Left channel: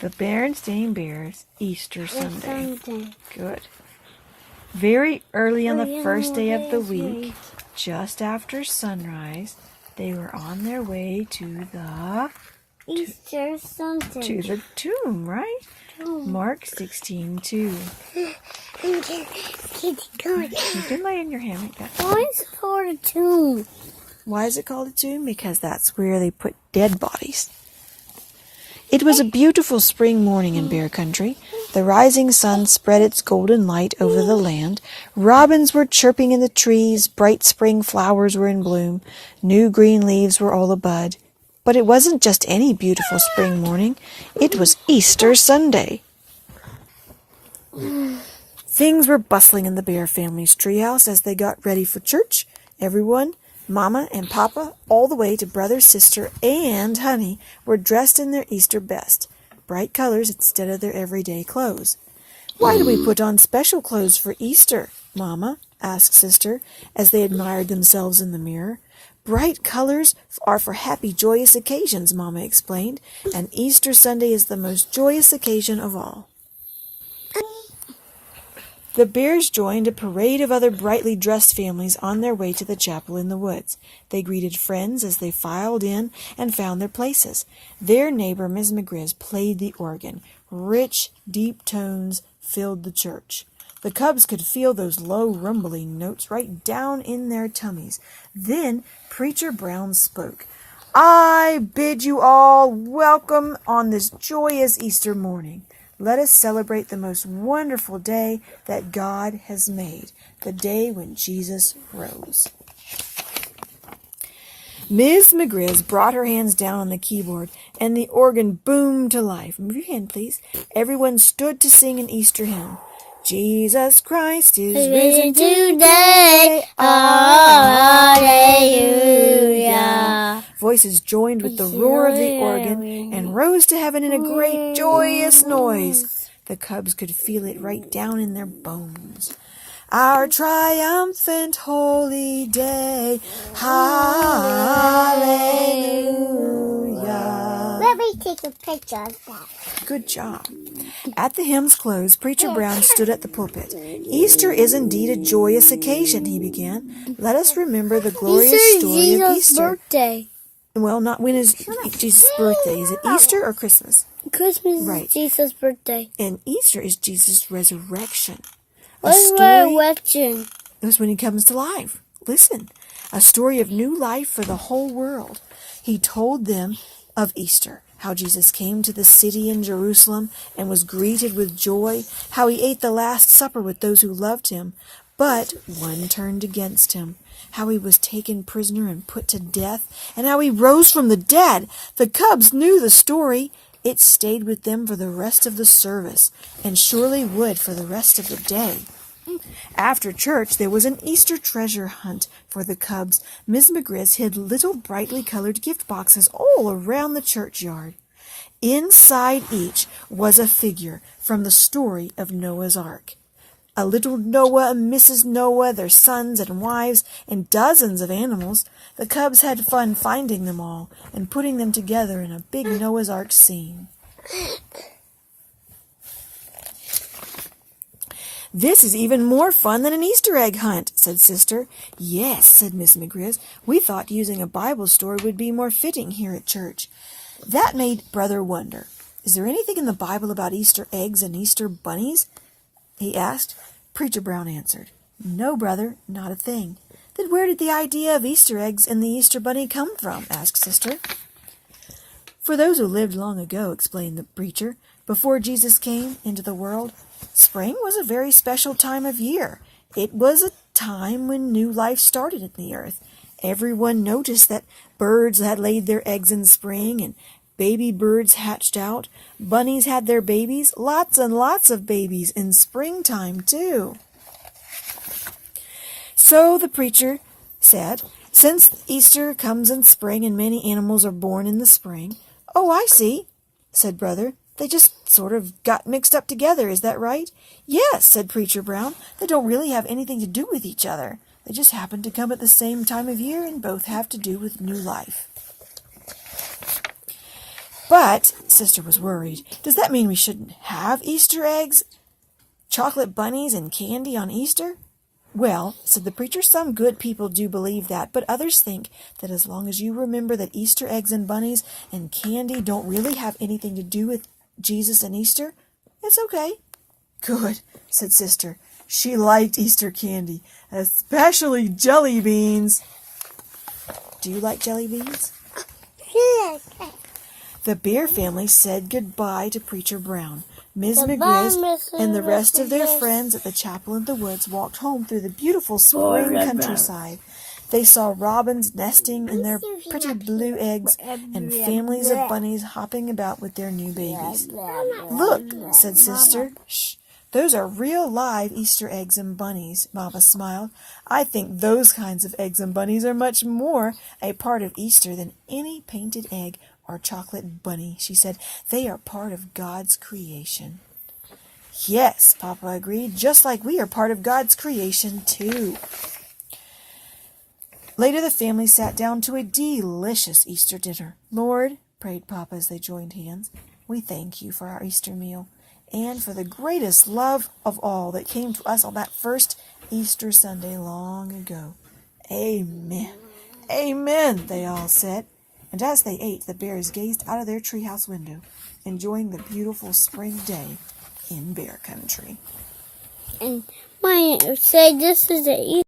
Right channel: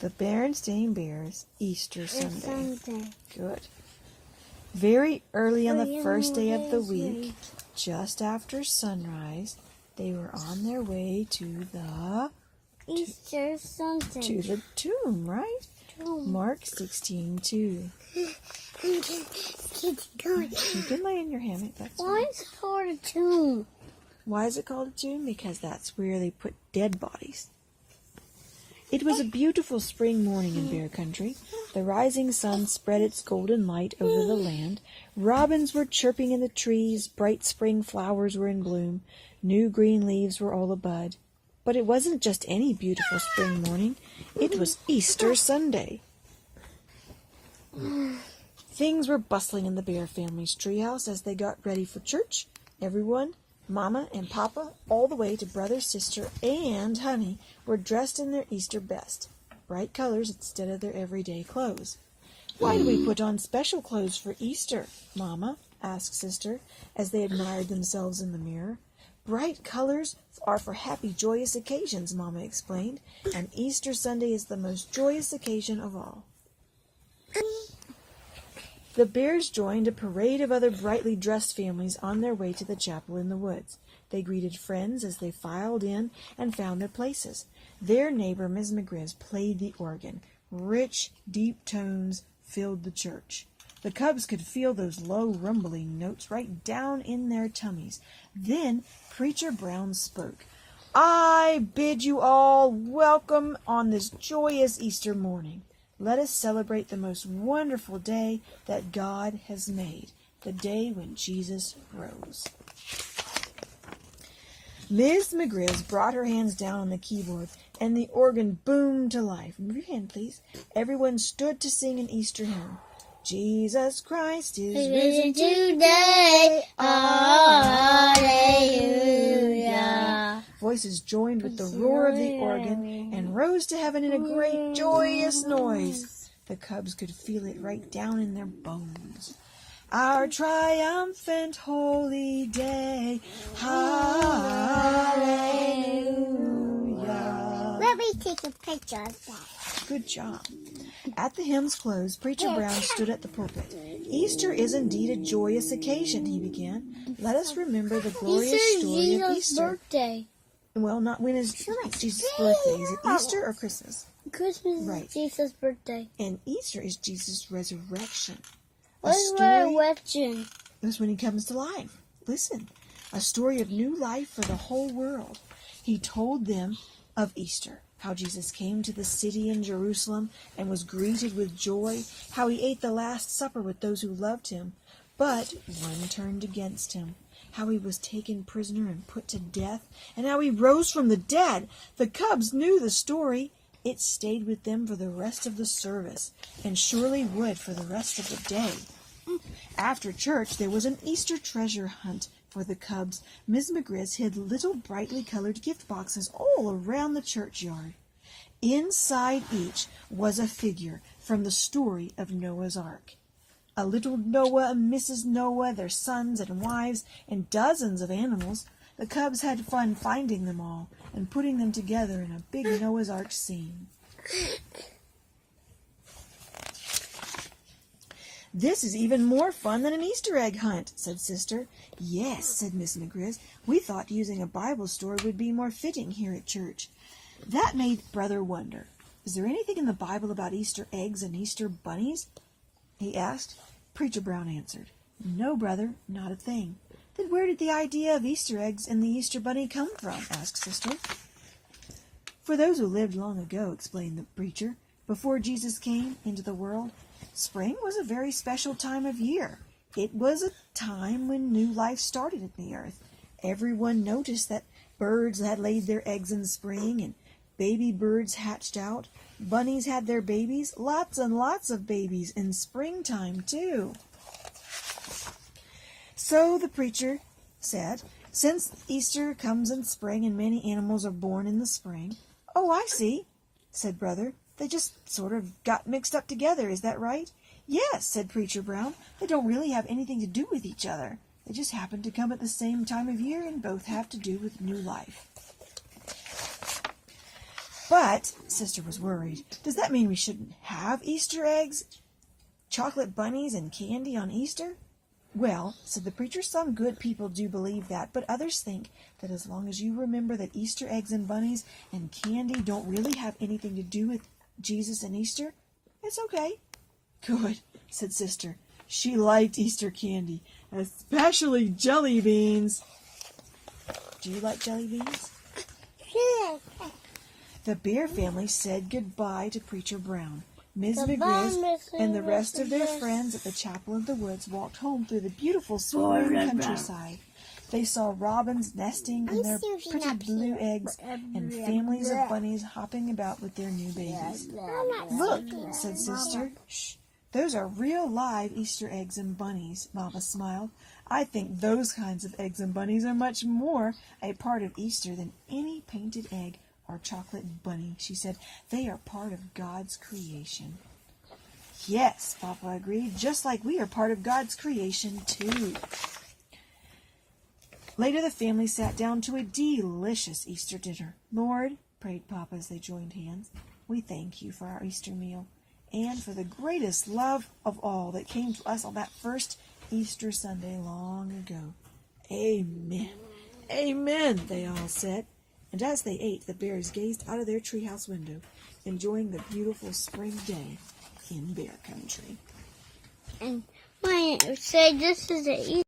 The Bernstein Bears, Easter Sunday. Good. Very early on the first day of the week, just after sunrise, they were on their way to the Easter Sunday. To the tomb, right? Mark 16:2. You can lay in your hand like that. Why is it called a tomb? Why is it called a tomb? Because that's where they put dead bodies. It was a beautiful spring morning in Bear Country. The rising sun spread its golden light over the land. Robins were chirping in the trees. Bright spring flowers were in bloom. New green leaves were all abud. But it wasn't just any beautiful spring morning. It was Easter Sunday. Things were bustling in the Bear family's treehouse as they got ready for church. Everyone, Mama and Papa, all the way to Brother, Sister, and Honey, were dressed in their Easter best, bright colors instead of their everyday clothes. "Why do we put on special clothes for Easter, Mama?" asked Sister, as they admired themselves in the mirror. "Bright colors are for happy, joyous occasions," Mama explained, "and Easter Sunday is the most joyous occasion of all." The Bears joined a parade of other brightly dressed families on their way to the chapel in the woods. They greeted friends as they filed in and found their places. Their neighbor, Miss McGriz, played the organ. Rich, deep tones filled the church. The cubs could feel those low, rumbling notes right down in their tummies. Then Preacher Brown spoke. "I bid you all welcome on this joyous Easter morning. Let us celebrate the most wonderful day that God has made, the day when Jesus rose." Miss McGriz brought her hands down on the keyboard, and the organ boomed to life. Move your hand, please. Everyone stood to sing an Easter hymn. "Jesus Christ is risen today. Hallelujah." Voices joined with the roar of the organ and rose to heaven in a great joyous noise. The cubs could feel it right down in their bones. "Our triumphant holy day. Hallelujah." Let me take a picture of that. Good job. At the hymn's close, Preacher Brown stood at the pulpit. "Easter is indeed a joyous occasion," he began. "Let us remember the glorious story of Easter." Birthday. Well, not when is Jesus' birthday. Is it Easter or Christmas? Christmas Right. is Jesus' birthday. And Easter is Jesus' resurrection. What's resurrection? It was when he comes to life. Listen, a story of new life for the whole world. He told them of Easter, how Jesus came to the city in Jerusalem and was greeted with joy, how he ate the Last Supper with those who loved him, but one turned against him, how he was taken prisoner and put to death, and how he rose from the dead. The cubs knew the story. It stayed with them for the rest of the service, and surely would for the rest of the day. After church, there was an Easter treasure hunt for the cubs. Miss McGriz hid little brightly colored gift boxes all around the churchyard. Inside each was a figure from the story of Noah's Ark. A little Noah and Mrs. Noah, their sons and wives, and dozens of animals. The cubs had fun finding them all and putting them together in a big Noah's Ark scene. "This is even more fun than an Easter egg hunt," said Sister. "Yes," said Miss McGriz. "We thought using a Bible story would be more fitting here at church." That made Brother wonder. "Is there anything in the Bible about Easter eggs and Easter bunnies?" he asked. Preacher Brown answered, "No, brother, not a thing." "Then where did the idea of Easter eggs and the Easter bunny come from?" asked Sister. "For those who lived long ago," explained the preacher, "before Jesus came into the world, spring was a very special time of year. It was a time when new life started in the earth. Everyone noticed that birds had laid their eggs in spring and baby birds hatched out. Bunnies had their babies, lots and lots of babies in springtime too." So the preacher said, "Since Easter comes in spring and many animals are born in the spring." "Oh, I see," said Brother. "They just sort of got mixed up together, is that right?" "Yes," said Preacher Brown. "They don't really have anything to do with each other. They just happen to come at the same time of year and both have to do with new life." But Sister was worried. Does that mean we shouldn't have Easter eggs, chocolate bunnies, and candy on Easter? Well, said the preacher, some good people do believe that, but others think that as long as you remember that Easter eggs and bunnies and candy don't really have anything to do with Jesus and Easter, it's okay. Good, said Sister. She liked Easter candy, especially jelly beans. Do you like jelly beans? The Bear family said goodbye to Preacher Brown. Ms. McGriz and the rest of their friends at the chapel in the woods walked home through the beautiful spring countryside. They saw robins nesting in their pretty blue eggs and families of bunnies hopping about with their new babies. Look, said Sister. Shh, those are real live Easter eggs and bunnies, Mama smiled. I think those kinds of eggs and bunnies are much more a part of Easter than any painted egg or chocolate bunny, she said. They are part of God's creation. Yes, Papa agreed, just like we are part of God's creation, too. Later, the family sat down to a delicious Easter dinner. Lord, prayed Papa as they joined hands, we thank you for our Easter meal and for the greatest love of all that came to us on that first Easter Sunday long ago. Amen. Amen, they all said. And as they ate, the bears gazed out of their treehouse window, enjoying the beautiful spring day in Bear Country. And Maya said this is the